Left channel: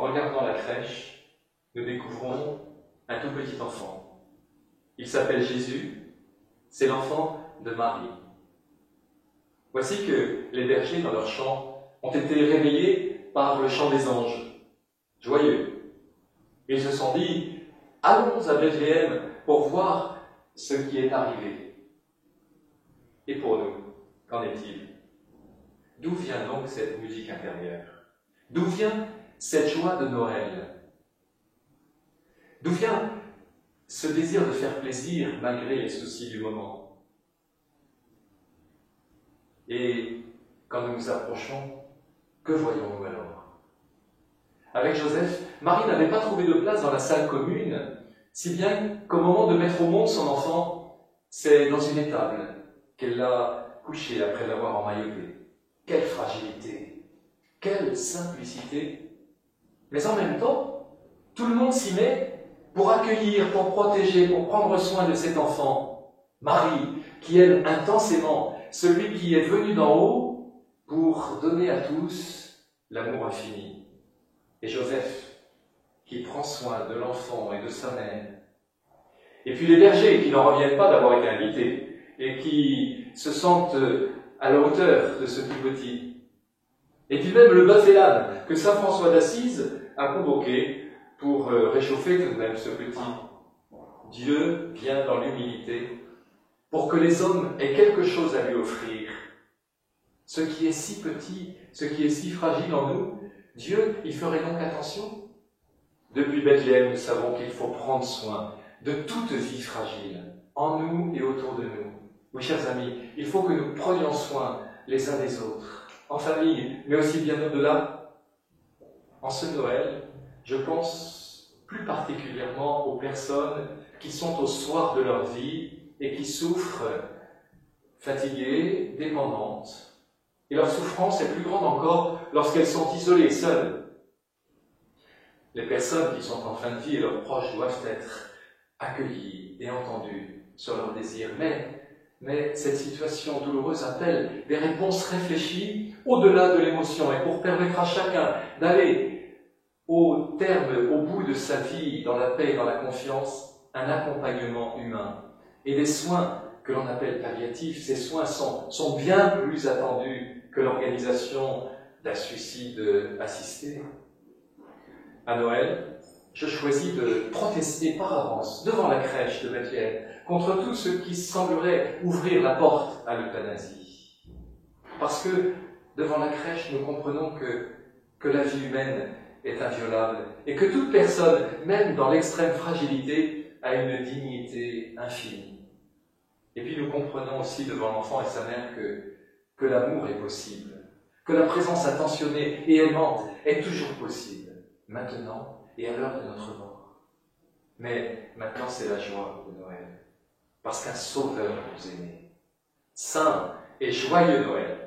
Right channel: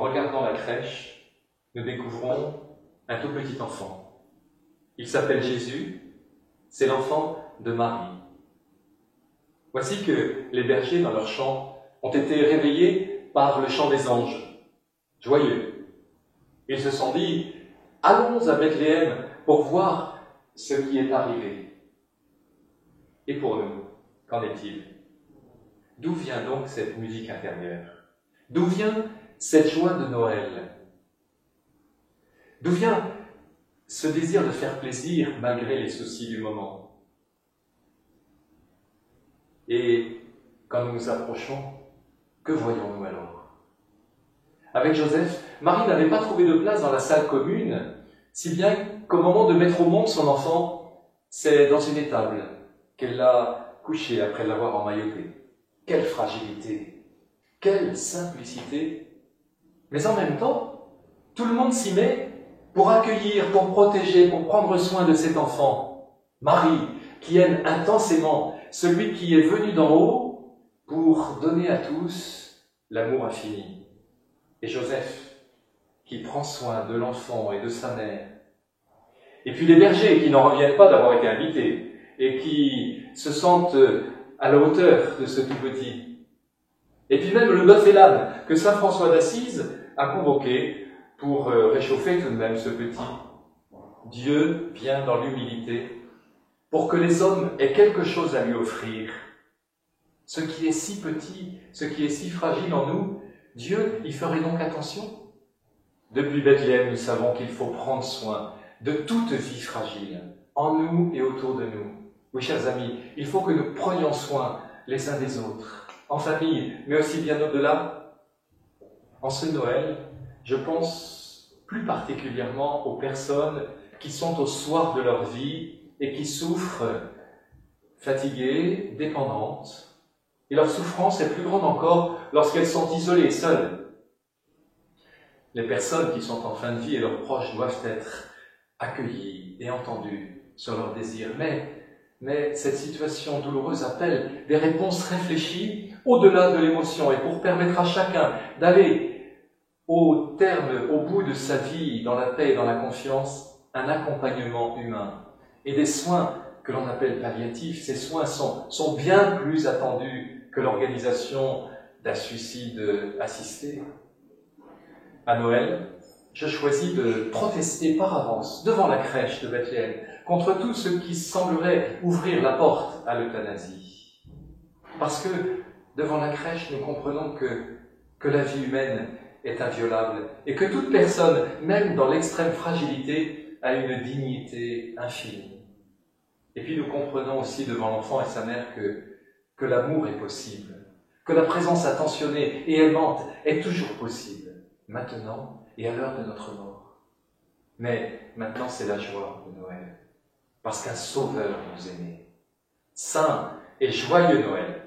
en regardant la crèche, nous découvrons un tout petit enfant. Il s'appelle Jésus, c'est l'enfant de Marie. Voici que les bergers, dans leur chant, ont été réveillés par le chant des anges, joyeux. Ils se sont dit « Allons à Bethléem pour voir ce qui est arrivé. » Et pour nous, qu'en est-il? D'où vient donc cette musique intérieure? D'où vient cette joie de Noël? D'où vient ce désir de faire plaisir malgré les soucis du moment? Et quand nous nous approchons, que voyons-nous alors? Avec Joseph, Marie n'avait pas trouvé de place dans la salle commune, si bien qu'au moment de mettre au monde son enfant, c'est dans une étable qu'elle l'a couché après l'avoir emmailloté. Quelle fragilité, quelle simplicité! Mais en même temps, tout le monde s'y met pour accueillir, pour protéger, pour prendre soin de cet enfant. Marie, qui aime intensément celui qui est venu d'en haut pour donner à tous l'amour infini. Et Joseph, qui prend soin de l'enfant et de sa mère. Et puis les bergers, qui n'en reviennent pas d'avoir été invités et qui se sentent à la hauteur de ce tout petit. Et puis même le bœuf et l'âne que saint François d'Assise a convoqué pour réchauffer tout de même ce petit. Dieu vient dans l'humilité pour que les hommes aient quelque chose à lui offrir. Ce qui est si petit, ce qui est si fragile en nous, Dieu y ferait donc attention. Depuis Bethléem, nous savons qu'il faut prendre soin de toute vie fragile, en nous et autour de nous. Oui, chers amis, il faut que nous prenions soin les uns des autres, en famille, mais aussi bien au-delà. En ce Noël, je pense plus particulièrement aux personnes qui sont au soir de leur vie et qui souffrent, fatiguées, dépendantes. Et leur souffrance est plus grande encore lorsqu'elles sont isolées, seules. Les personnes qui sont en fin de vie et leurs proches doivent être accueillies et entendues sur leurs désirs. Mais cette situation douloureuse appelle des réponses réfléchies au-delà de l'émotion et pour permettre à chacun d'aller au terme, au bout de sa vie, dans la paix et dans la confiance, un accompagnement humain et des soins que l'on appelle palliatifs. Ces soins sont bien plus attendus que l'organisation d'un suicide assisté. À Noël, je choisis de protester par avance devant la crèche de Bethléem contre tout ce qui semblerait ouvrir la porte à l'euthanasie. Parce que devant la crèche, nous comprenons que la vie humaine est inviolable et que toute personne, même dans l'extrême fragilité, a une dignité infinie. Et puis nous comprenons aussi devant l'enfant et sa mère que l'amour est possible, que la présence attentionnée et aimante est toujours possible, maintenant et à l'heure de notre mort. Mais maintenant c'est la joie de Noël, parce qu'un Sauveur nous est né. Saint et joyeux Noël!